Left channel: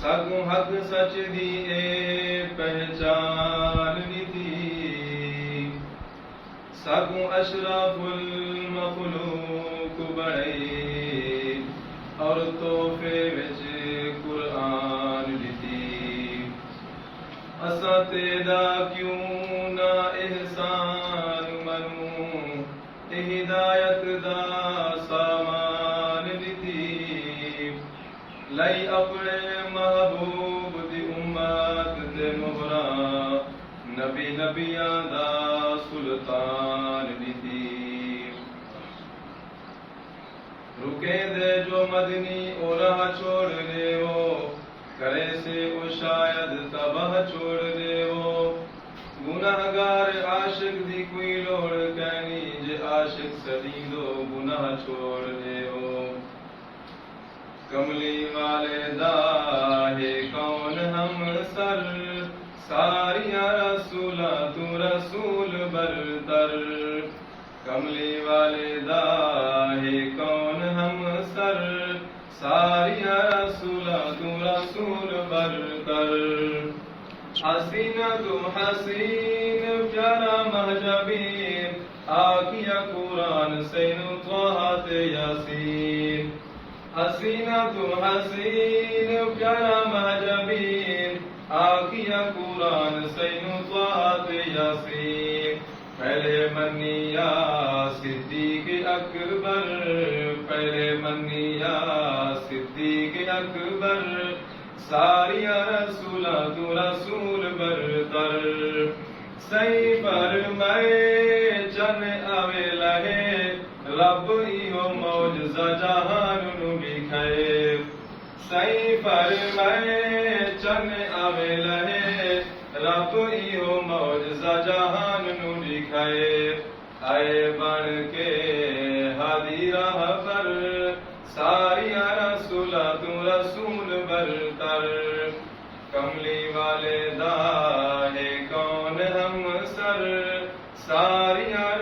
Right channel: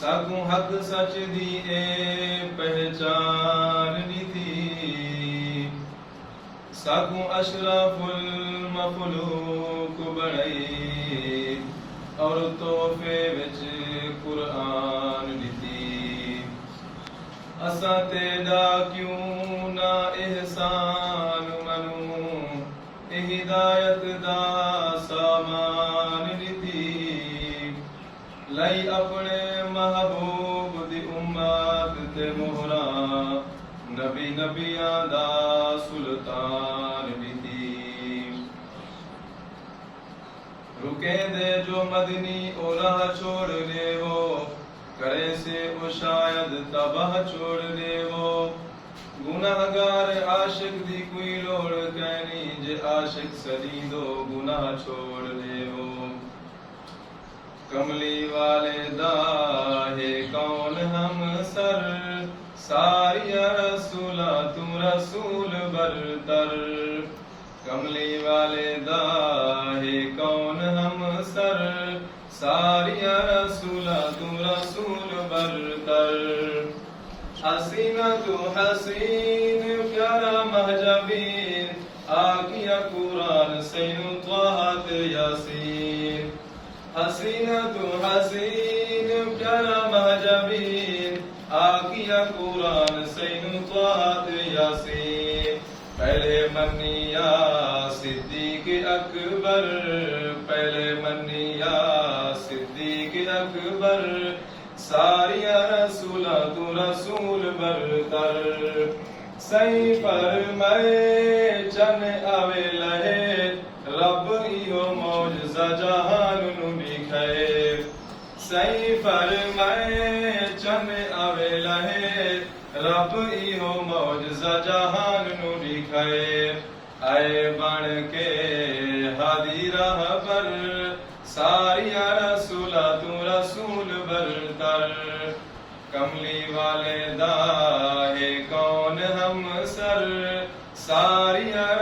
ساگوں حق سچ دی اے پہچان دیتی ساگوں اشراف المخلوق بڑھئی اور تحفے وچ قرآن دیتی اساں تیرا کیوں نہ احسان منوں اے ہدایت دا سامان دیتی لئی اپنے محبوب دی امت تے مہراں نبی نبیاں دا سلطان دیتی رکے دے جو مدنی او راہ چھوڑ دے ہو کرے سے او شاید تباہ چھوڑ دے ہو گناہگار عاشق دی کوئی لوڑ کہنی جے عاشق سجیدو گناہ چھوڑ دے ہو کملی والے دا ہے کون ہم سر ساریاں رسولہ تو رسول برتر کملی والے دا ہے کون ہم سر ساریاں رسولہ تو رسول برتر حسینہ تو حسین پیارا مہجبین آکیا قرآن سین طاعت یاسین حسینہ تو حسین پیارا مہجبین آکیا قرآن سین طاعت یاسین پہلے منیا صدیق اکبر پہلے منیا صدیق اکبر ساریاں رسولہ تو رسول برتر سی فرمائے چن آوے لہے رب ایہو معجزہ جہان نو دکھائے سی فرمائے چن آوے لہے رب ایہو معجزہ جہان نو دکھائے آئے بن کے ہادی راہ پر ساریاں رسولہ تو رسول برتر کملی والے دا ہے کون ہم سر ساریاں